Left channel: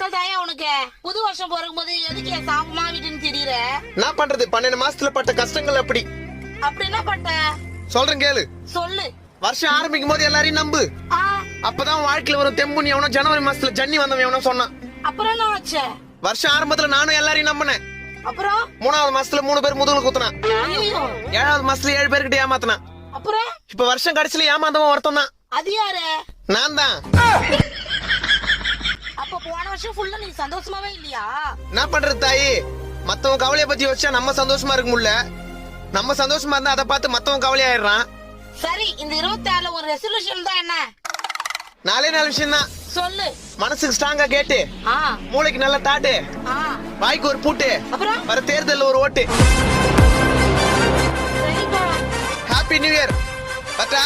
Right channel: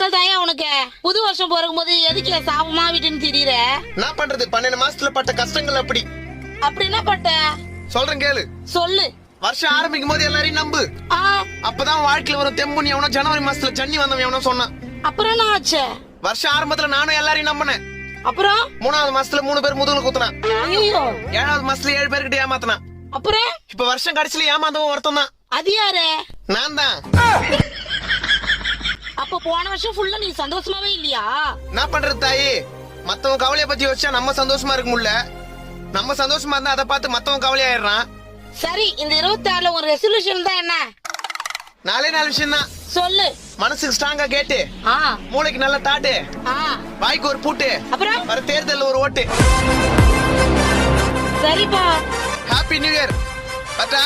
மக்கள் தாயா உனக்கு? புது வருஷம் பிறக்கும் போது எதுக்கு சாபமா விட்டுன்னு திரியுற? என்ன பண்றது பன்னெண்டு மாசத்துல பட்ட கஷ்டங்கள் அப்படி. அப்படி என்ன பட்ட? சொல்றேன் கேளு. சொல்லு. வருஷம் ஆரம்பிக்கும் போது எல்லாரையும் நம்பு. அப்பதான் வாழ்க்கையில ஒரு தெம்பு நீ எவனோ ஜனவரி மாசத்துல ஜன்னி வந்தவன் எவனோ சொன்னான். அப்புறம் என்ன ஆச்சு? வருஷம் ஆரம்பத்துல நானும் எல்லாரையும் நம்பினேன். அப்புறம்? மூணாவது மாசத்துல மூணு பேர் முதுகுல குத்துனான். ஐயோ. ஏழாவது மாசத்துல ஏழு பேர்கிட்ட ஏமாத்தினான். அப்புறம்? இப்ப வருஷம் கடைசியில ஏமாந்தவன் ஒருத்தன் தான். அது யாரு? நான் தான். அப்ப போன வருஷம் ஃபுல்லா நீ சந்தோஷமாவே இல்லையா? என்ன பண்றது தாயி? மத்தவன் கவலைய பத்தி வச்சா நம்ம சந்தோஷமா இருக்க முடியல. நம்ம சந்தோஷமா இருந்தா அதை பார்த்து மத்தவன் கவலையாயிடுறான். சரி இந்த இருபத்தி ஆறுல உங்க ரெசல்யூஷன் தான் என்ன? நாலே நாலு விஷயம் தான் சொல்லு. மனசுக்கு ஸ்ட்ராங்கா கேட்டு மூளைக்கு நல்ல தாட்டு வாய்க்கு ஒரு பூட்டு அப்புறம்? வர தேர்தல்ல ஒரு ஓட்டு. சரிப்பா. ஹாப்பி நியூ இயர் பட்டா